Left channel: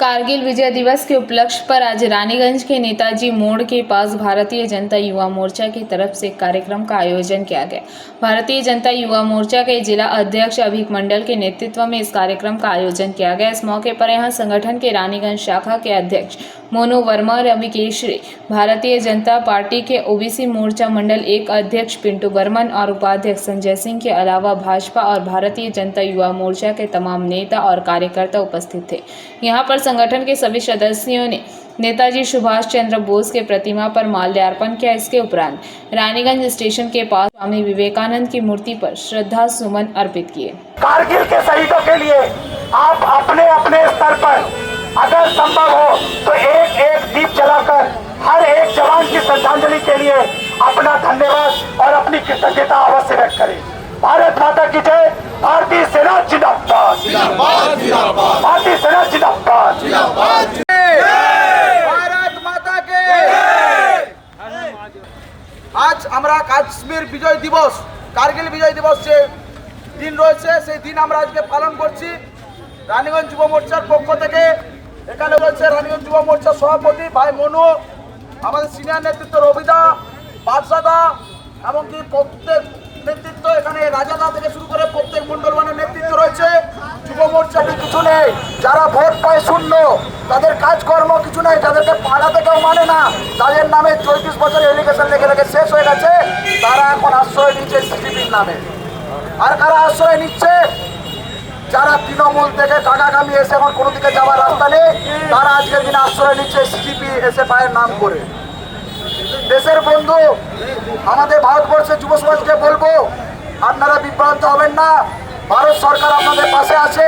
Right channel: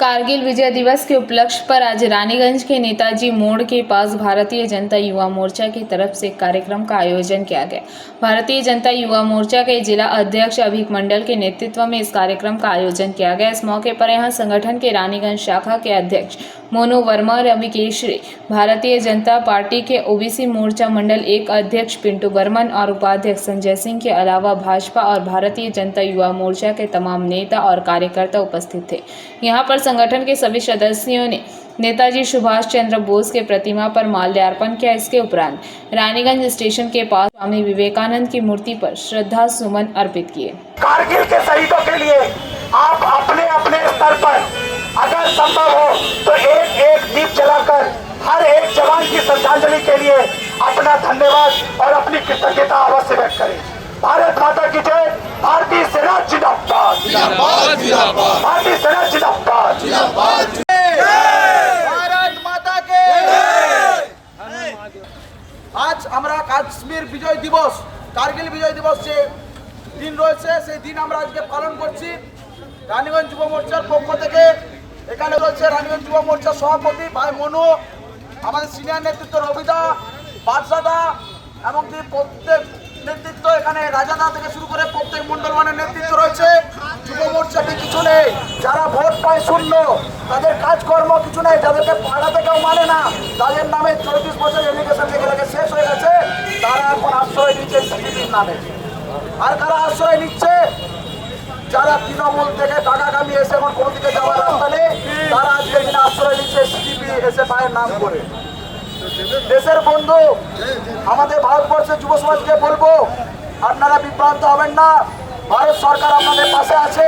कारगिल विजय दिवस के उपलक्ष्य पर आज रानीगंज के नेताजी मोड़ के पास भारतीय जनता युवा मोर्चा की तरफ से कार्यक्रम का आयोजन किया गया। भारतीय जनता युवा मोर्चा के जिला अध्यक्ष अभिक मंडल के नेतृत्व में इस कार्यक्रम का आयोजन किया गया। इस मौके पर यहां संगठन के रानीगंज शाखा के अध्यक्ष मोनू वर्मा, रवि केशरी, भारतीय जनता पार्टी के ओबीसी मोर्चा मंडल 1 अध्यक्ष पिंटू बर्मन और उपाध्यक्ष संजय सिंह के अलावा भाजपा और भारतीय जनता युवा मोर्चा के तमाम नेता और कार्यकर्ता उपस्थित थे। यहाँ पर संगठन के सभी सदस्यों ने नेताजी सुभाष चंद्र बोस के प्रतिमा पर माल्यार्पण किया। इसके उपरांत रानीगंज स्टेशन के पास स्वामी विवेकानंद की मूर्ति पर श्रद्धा सुमन अर्पित किए। कारगिल के शहीदों के लिए आप अपने अपने स्तर पर अगर संभव हो तो एक एक दीप जलाकर हर एक जवान की श्रद्धांजलि के लिए अपना धन्यवाद और अपनी कृतज्ञता अवश्य व्यक्त करें। भारत माता की जय। भारतीय सेना जिंदाबाद, भारतीय सेना जिंदाबाद। भारत माता के। आज আমরা কাশ্মীর বিজয় দিবস, কার্গিল বিজয় দিবস যে দিন রয়েছে সেই দিন আমরা আজকে পালন করছি। রানীগঞ্জ যুব মোর্চার পক্ষ থেকে এখানে রয়েছে রানীগঞ্জ যুব মোর্চার সভাপতি ভাই মনু, আমাদের সিনিয়র নেতৃত্ব রবিদা, বাদশাদা এবং কি প্রত্যেক নেতৃত্ব এখানে রাজাদা থেকে শুরু করে প্রত্যেক মন্ডলমানের নেতৃত্ব রয়েছে। যুব মোর্চাটি কিছু নেই, যারা ভোট পায় শূন্য, তাদের কাজকর্ম কিছু নেই, যাদেরকে পাড়াতে কেউ মানে না, তাদের নামে 34 বছর এডুকেশন লেগে শেষ হয়ে গেছে, তারা এখন আশ্রয় নিচ্ছে সিজিপির নামে। আর কারা আশ্রয় নিচ্ছে? যারা তৃণমূল থেকে টাকা কামিয়ে এসে এখন কোনো দিকে যাওয়ার রাস্তা নেই, তারা আজকের দিনে আশ্রয় নিচ্ছে সিজিপি এসএফআইয়ের নাম করে। দেশের বন্ধু আমাদের ভারতবর্ষের যুব সমাজকে বলবো, আপনারা বিভ্রান্ত হবেন না। ভারত সরকার আপনাদের পাশে আছে।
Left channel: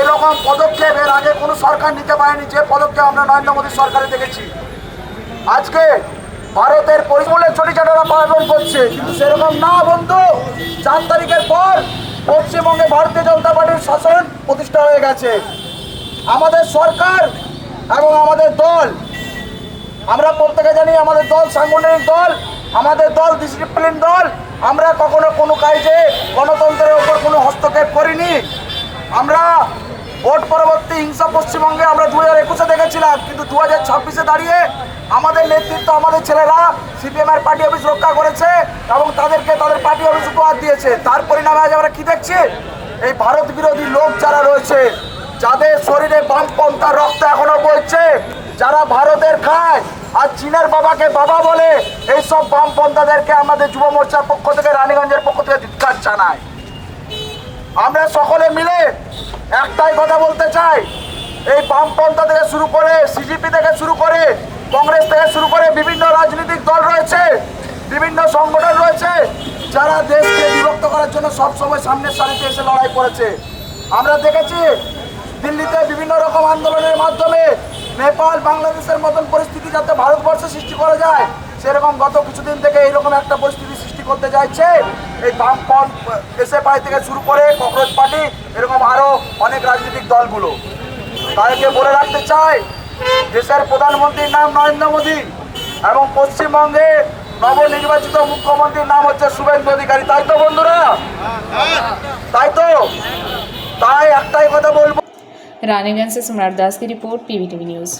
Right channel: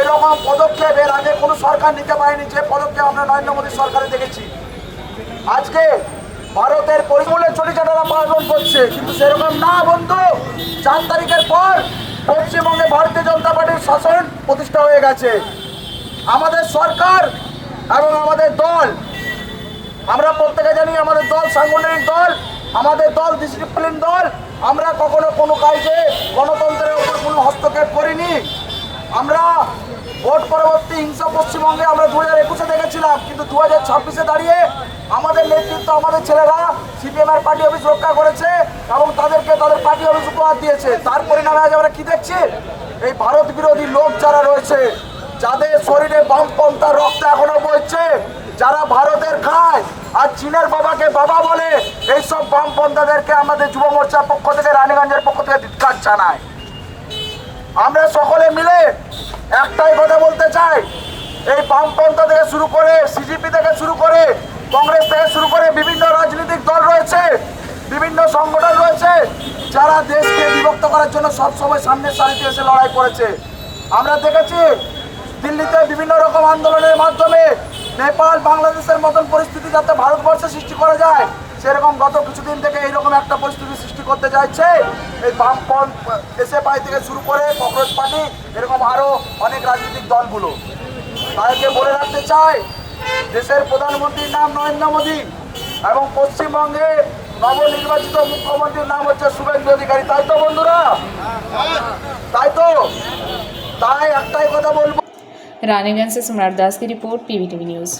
এরকম পদক্ষেপ এর আগে কোনো সরকার নিতে পারেনি, যে পদক্ষেপ আমরা নরেন্দ্র মোদী সরকারে দেখেছি। আজকে ভারতের পরিমূলে চটিচাটারা পালন করছে, কিন্তু সেরকম না বন্ধু। 4 তারিখের পর পশ্চিমবঙ্গে ভারতীয় জনতা পার্টির শাসন প্রতিষ্ঠা হয়ে গেছে। আমাদের সরকার এবং আমাদের দল, আমরা প্রত্যেকে জানি আমাদের দল সাংগঠনিক দল, আমাদের দল ডিসিপ্লিন দল। আমরা কখনো কোনো কাজে গণতন্ত্রের ওপর কোনো হস্তক্ষেপ করিনি। আমরা ভোট পরবর্তী হিংসা পশ্চিমবঙ্গে আমরা 2021-এ দেখেছিলাম, কিন্তু 2026-এ দাঁড়িয়ে আমাদের নেতৃত্ব, আমাদের ছেলেরা সিপিএমের পার্টি অফিস রক্ষা করেছে এবং তাদেরকে তাদের পার্টি অফিস উপহার দিয়েছে। তার পরিণামে আজ আমরা কি দেখছি? এই ভারত বিরোধী লোক যারা রয়েছে, যাদের শরীরে বামপন্থার রক্ত এখনো বইছে, যারা ভারতের খায় আর চীনের বাবাকে বাবা বলে, এইসব বামপন্থাদেরকে আমাদের যুব মোর্চার পক্ষ থেকে, রানীগঞ্জের পক্ষ থেকে ধিক্কার জানায়। আমরা সকলে মিলে একটাই কথা বলতে চাই, এই বামপন্থা থেকে শুরু করে, সিজিপি থেকে শুরু করে, কংগ্রেস থেকে শুরু করে বিভিন্ন রাজনৈতিক দল রয়েছে, বিভিন্ন সংগঠন রয়েছে, যারা দেশকে বিভক্ত করার জন্য সবসময় সামনের সারিতে এসে লড়াই করেছে। আমরা দেখেছি দিল্লিতে বিভিন্ন রকম আন্দোলনের মাধ্যমে নেপাল, বাংলাদেশের মতন পরিস্থিতি যাতে ভারতবর্ষে সৃষ্টি করা যায়, সেরকম গত কিছুদিন থেকে এইরকম একটা পরিস্থিতি সৃষ্টি করতে চাইছে এই বামপন্থ এসএফআই থেকে শুরু করে কংগ্রেস পার্টি, এরকম আরো অনেক রাজনৈতিক দলগুলো। তাদেরকে বলে রাখতে চাই, দেশের প্রধানমন্ত্রীর নাম নরেন্দ্র মোদী এবং পশ্চিমবঙ্গে নবনির্বাচিত মুখ্যমন্ত্রীর নাম হচ্ছে শুভেন্দু অধিকারী। তাই তো বন্ধুরা? তাই তো? তাই একটাই কথা বলবো। रानीगंज से सम्राट दास की रिपोर्ट, पीवीटीवी न्यूज।